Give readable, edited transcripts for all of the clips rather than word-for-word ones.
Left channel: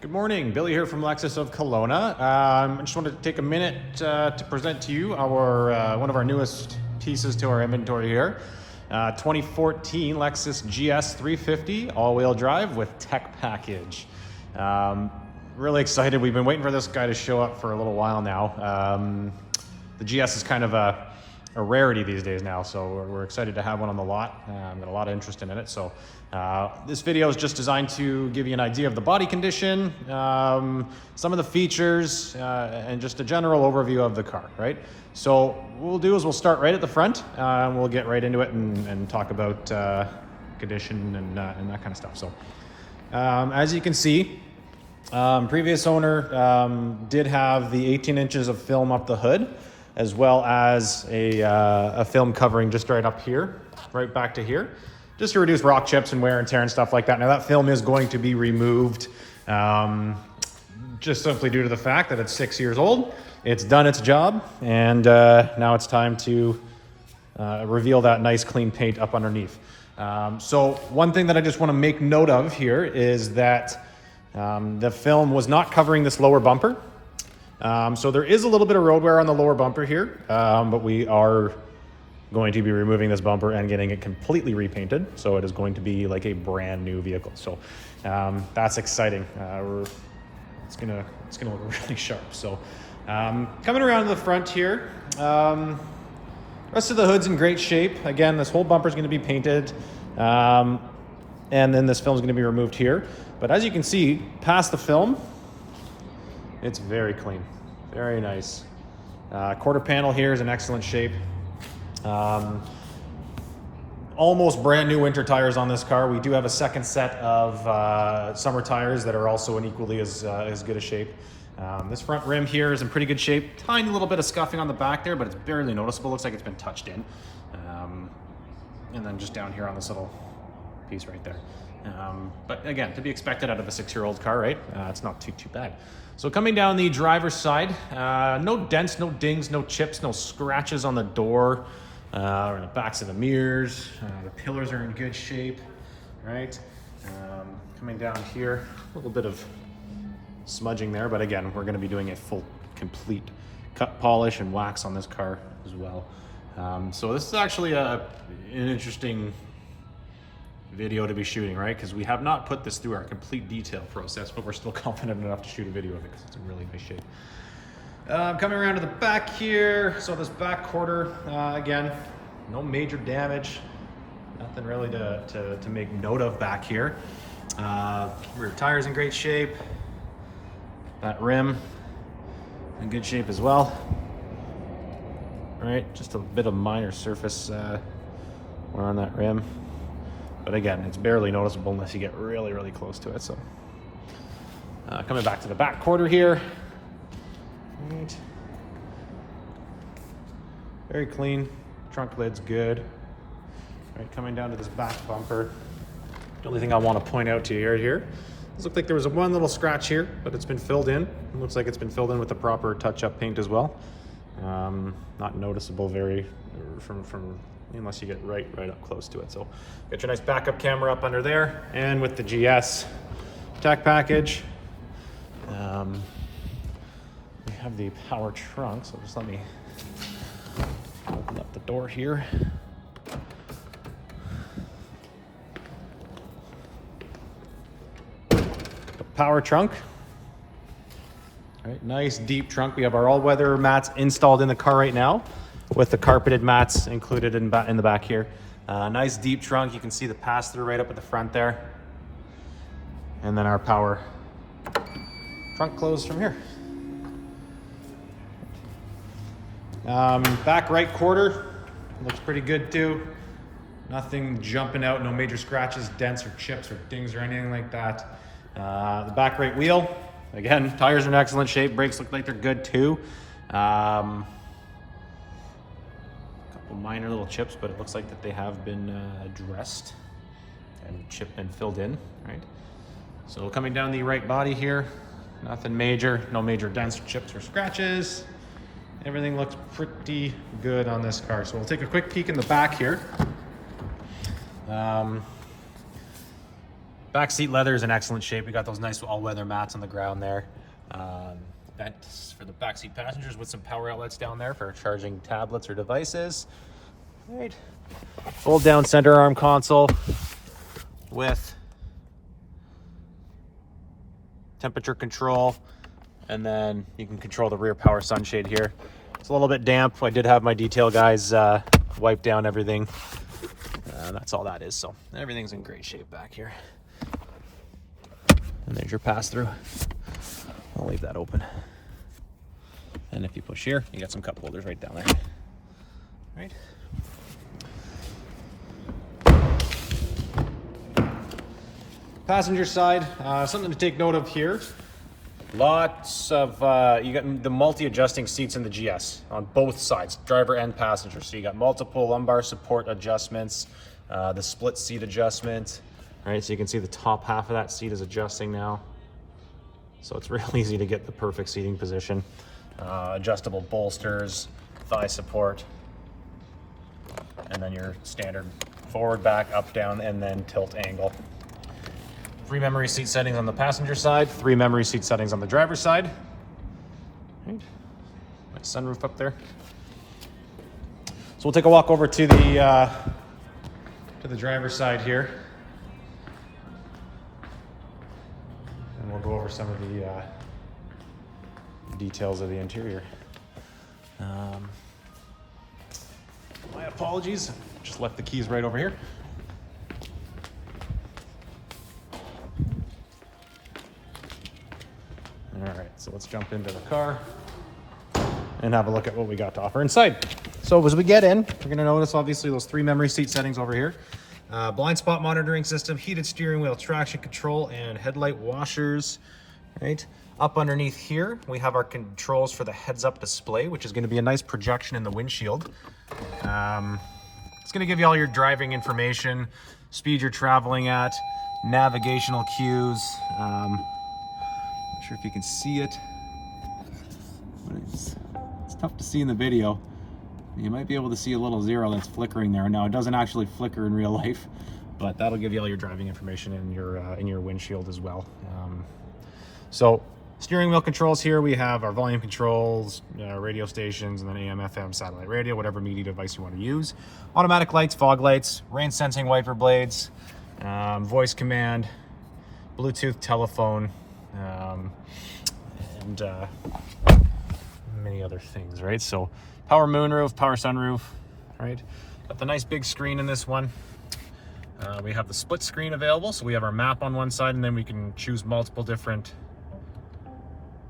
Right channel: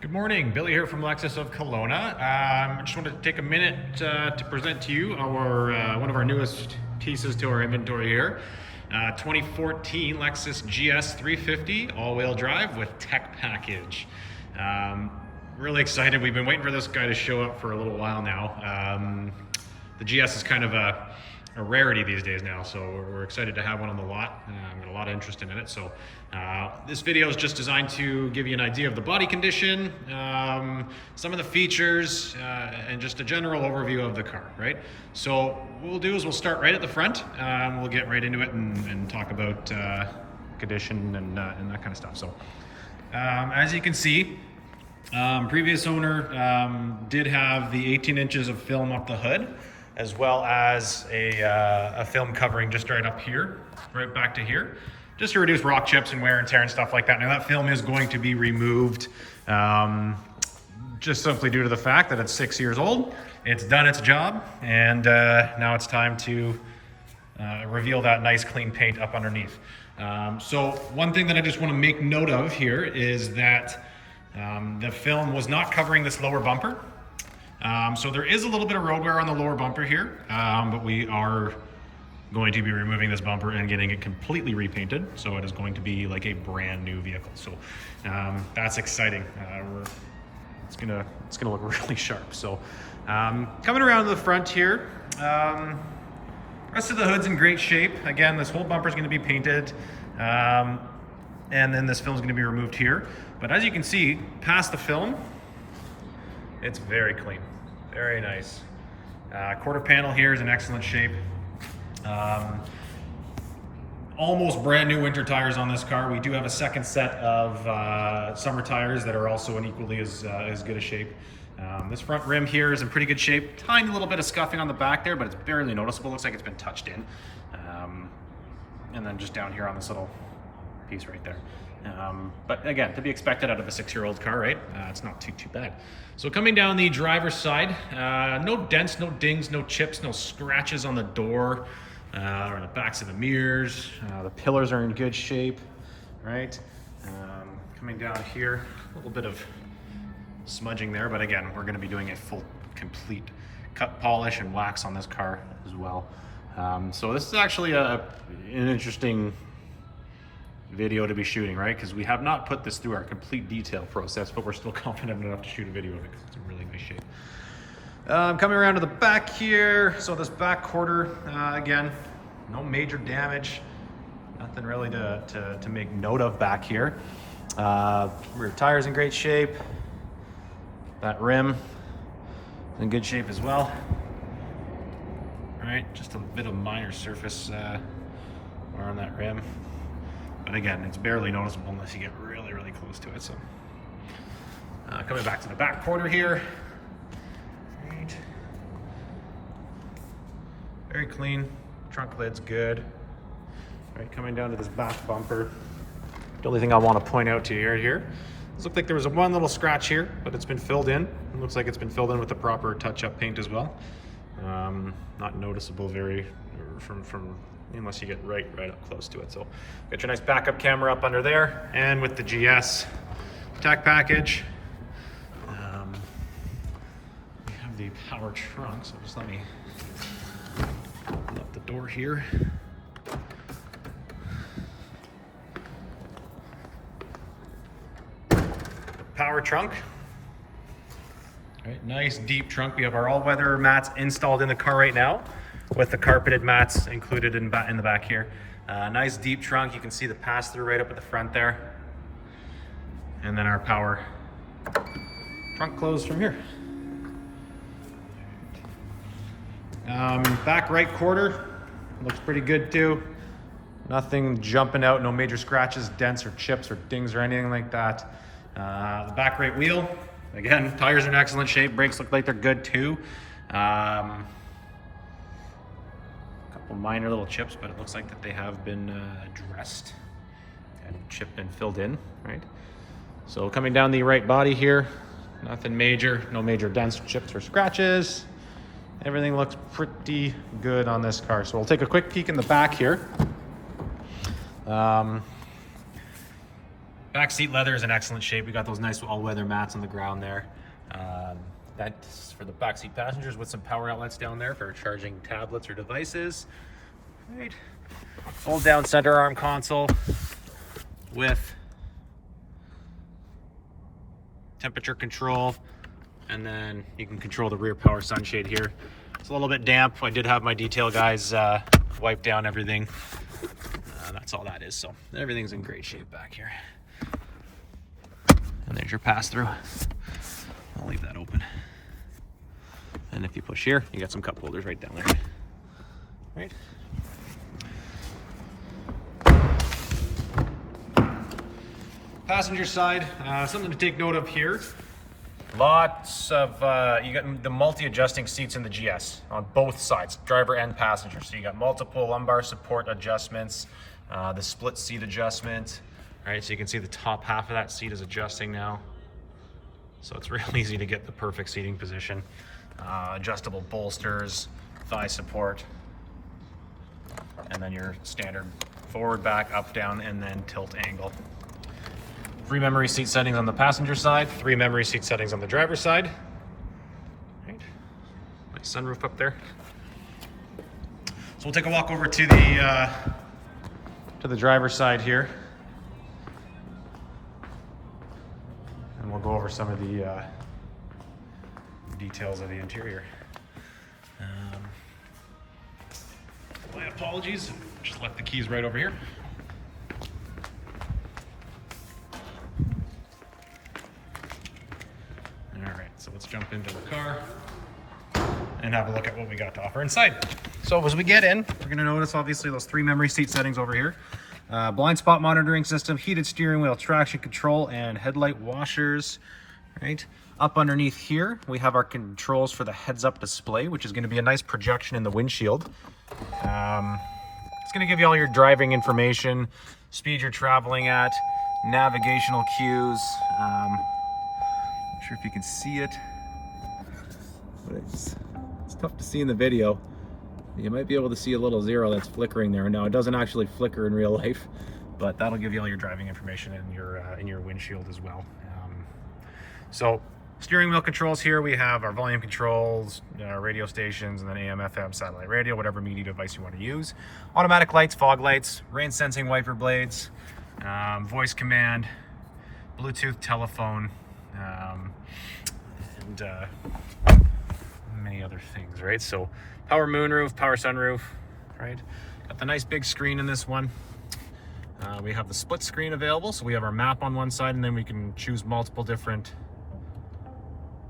Good morning, Billy here from Lexus of Kelowna. I just wanted to take a minute to present to you our one of our newest pieces to our inventory here. 2014 Lexus GS 350 all-wheel drive with tech package. Really excited. We've been waiting for this guy to show up for a little while now. The GS is kind of a rarity these days now, so we're excited to have one on the lot. Got a lot of interest in it. So this video is just designed to give you an idea of the body condition, some of the features, and just a general overview of the car, right? So what we'll do is we'll start right at the front, and we'll get right into it and talk about condition and that kind of stuff. So as you can see, previous owner did have the 18 inches of film up the hood, as well as a film covering just right up here, right back to here, just to reduce rock chips and wear and tear and stuff like that. Now that film is going to be removed just simply due to the fact that it's 6 years old. It's done its job, and now it's time to reveal that nice clean paint up underneath. So one thing that I just want to make note of here is that the film was not covering this lower bumper. So there is a little bit of road wear on the lower bumper here, but we are going to be removing this bumper and getting it completely repainted. So it is going to be like a brand new vehicle. So that's exciting. It's gonna look really sharp. So coming around to the front here, rest of the hood's in great shape. Again, this whole bumper is going to be painted, and then this film is going to be removed here. But as you can see, past the film, it's very clean, very nice. Quarter panel here is in excellent shape. Almost brand new winter tires on this car. We do have a second set of summer tires that are also in equally as good a shape. This front rim here is in pretty good shape. Tiny little bit of scuffing on the back there, but it's barely noticeable. Looks like it's been touched in. And then just down here on this little piece right there. But again, to be expected out of a 6-year-old car, right? It's not too bad. So coming down the driver's side, no dents, no dings, no chips, no scratches on the door or in the backs of the mirrors. The pillars are in good shape, right? Coming down here, a little bit of smudging there, but again, we're going to be doing a full, complete cut polish and wax on this car as well. So this is actually an interesting video to be shooting, right? Because we have not put this through our complete detail process, but we're still confident enough to shoot a video of it because it's in really nice shape. Coming around to the back here, so this back quarter, again, no major damage, nothing really to make note of back here. Rear tires in great shape, that rim in good shape as well. All right, just a bit of minor surface wear on that rim. But again, it's barely noticeable unless you get really, really close to it. So coming back to the back quarter here. Right. Very clean. Trunk lid's good. Right, coming down to this back bumper. The only thing I want to point out to you here, it looks like there was one little scratch here, but it's been filled in. It looks like it's been filled in with the proper touch-up paint as well. Not noticeable from unless you get right up close to it. So get your nice backup camera up under there, and with the GS tech package, we have the power trunk. So just let me open up the door here. Power trunk. All right, nice deep trunk. We have our all-weather mats installed in the car right now, with the carpeted mats included in the back here. Nice deep trunk. You can see the pass-through right up at the front there. And then our power trunk closed from here. Back right quarter looks pretty good too. Nothing jumping out, no major scratches, dents or chips or dings or anything like that. The back right wheel, again, tires are in excellent shape. Brakes look like they're good too. Couple minor little chips, but it looks like that they have been addressed and chipped and filled in, right? So coming down the right body here, nothing major, no major dents, chips, or scratches. Everything looks pretty good on this car. So we'll take a quick peek in the back here. Back seat leather is in excellent shape. We got those nice all-weather mats on the ground there. That's for the backseat passengers with some power outlets down there for charging tablets or devices. Right. Fold down center arm console with temperature control, and then you can control the rear power sunshade here. It's a little bit damp. I did have my detail guys wipe down everything. That's all that is. So everything's in great shape back here. And there's your pass-through. I'll leave that open. And if you push here, you got some cup holders right down there. Right. Passenger side, something to take note of here. Lots of, you got the multi-adjusting seats in the GS on both sides, driver and passenger. So you got multiple lumbar support adjustments, the split seat adjustment, right? So you can see the top half of that seat is adjusting now. So it's real easy to get the perfect seating position. Adjustable bolsters, thigh support, and then your standard forward, back, up, down, and then tilt angle. 3 memory seat settings on the passenger side, 3 memory seat settings on the driver's side. Right. Nice sunroof up there. So we'll take a walk over to the driver's side here, and we'll go over some of the details of the interior. My apologies, just left the keys right over here. All right, so let's jump into the car and have a look at what we got to offer inside. So as we get in, we're gonna notice obviously those 3 memory seat settings over here. Blind spot monitoring system, heated steering wheel, traction control, and headlight washers, right? Up underneath here, we have our controls for the heads-up display, which is gonna be a nice projection in the windshield. It's gonna give you all your driving information, speed you're traveling at, navigational cues. Not sure if you can see it, but it's tough to see in the video. You might be able to see a little 0 that's flickering there. Now it doesn't actually flicker in real life, but that'll give you all your driving information in your windshield as well. So steering wheel controls here, we have our volume controls, radio stations, and then AM, FM, satellite radio, whatever media device you want to use. Automatic lights, fog lights, rain sensing wiper blades, voice command, Bluetooth telephone, and many other things, right? So power moonroof, power sunroof, right? Got the nice big screen in this one. We have the split screen available, so we have our map on one side, and then we can choose multiple different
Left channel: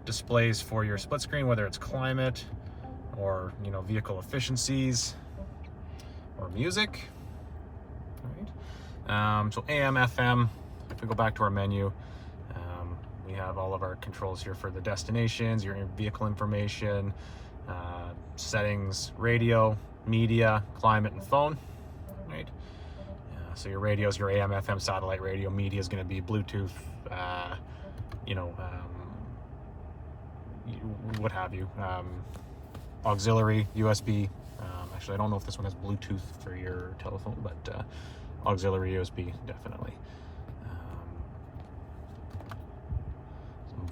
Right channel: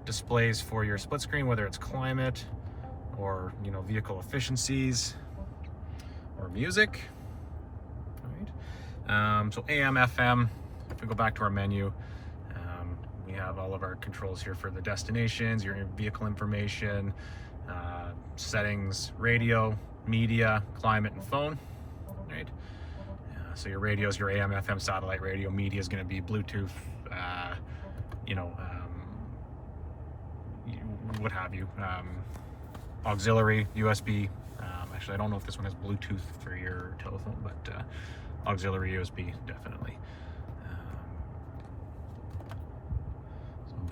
displays for your split screen, whether it's climate or vehicle efficiencies or music. Right. So AM, FM. If we go back to our menu, we have all of our controls here for the destinations, your vehicle information, settings, radio, media, climate, and phone. Right. So your radio is your AM, FM, satellite radio. Media is going to be Bluetooth, what have you, auxiliary, USB. Actually, I don't know if this one has Bluetooth for your telephone, but auxiliary USB, definitely.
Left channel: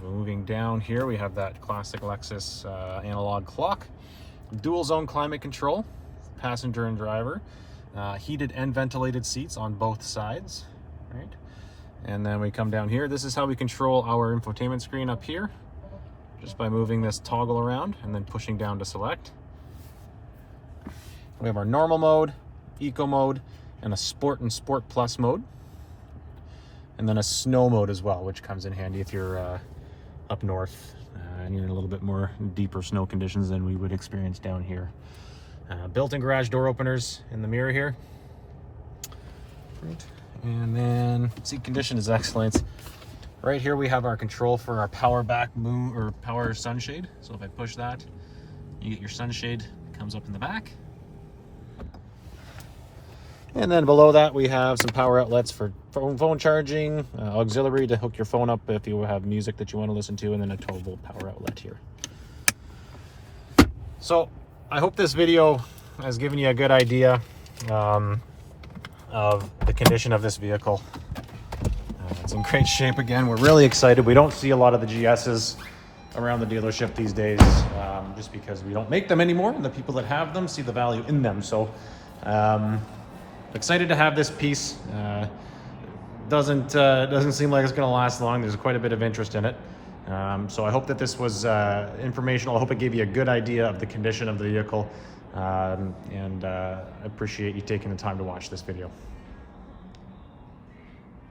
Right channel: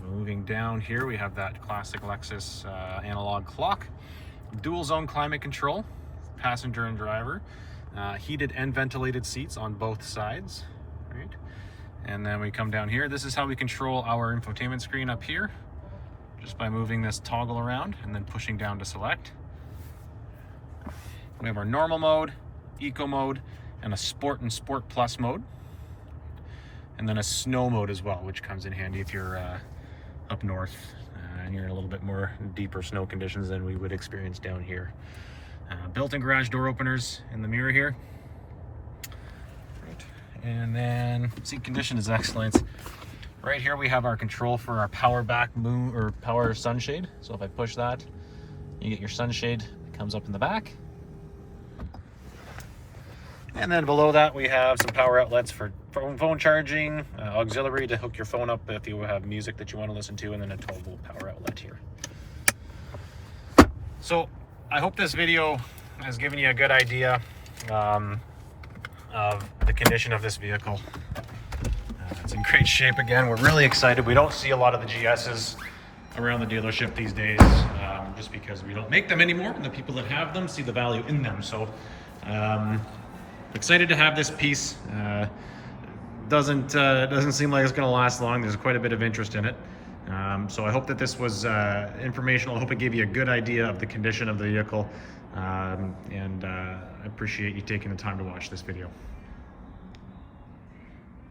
So moving down here, we have that classic Lexus analog clock, dual zone climate control, passenger and driver, heated and ventilated seats on both sides, right? And then we come down here. This is how we control our infotainment screen up here, just by moving this toggle around and then pushing down to select. We have our normal mode, eco mode, and a sport and sport plus mode. And then a snow mode as well, which comes in handy if you're up north and you're in a little bit more deeper snow conditions than we would experience down here. Built-in garage door openers in the mirror here. Right. And then seat condition is excellent. Right here we have our control for our power back moon or power sunshade. So if I push that, you get your sunshade, comes up in the back. And then below that we have some power outlets for phone charging, auxiliary to hook your phone up if you have music that you want to listen to, and then a 12-volt power outlet here. So I hope this video has given you a good idea of the condition of this vehicle. It's in great shape again. We're really excited. We don't see a lot of the GSs around the dealership these days, just because we don't make them anymore, and the people that have them see the value in them. So excited to have this piece. Doesn't seem like it's going to last long. There's quite a bit of interest in it. So I hope that this was informational. I hope it gave you a good idea of the condition of the vehicle, and I appreciate you taking the time to watch this video.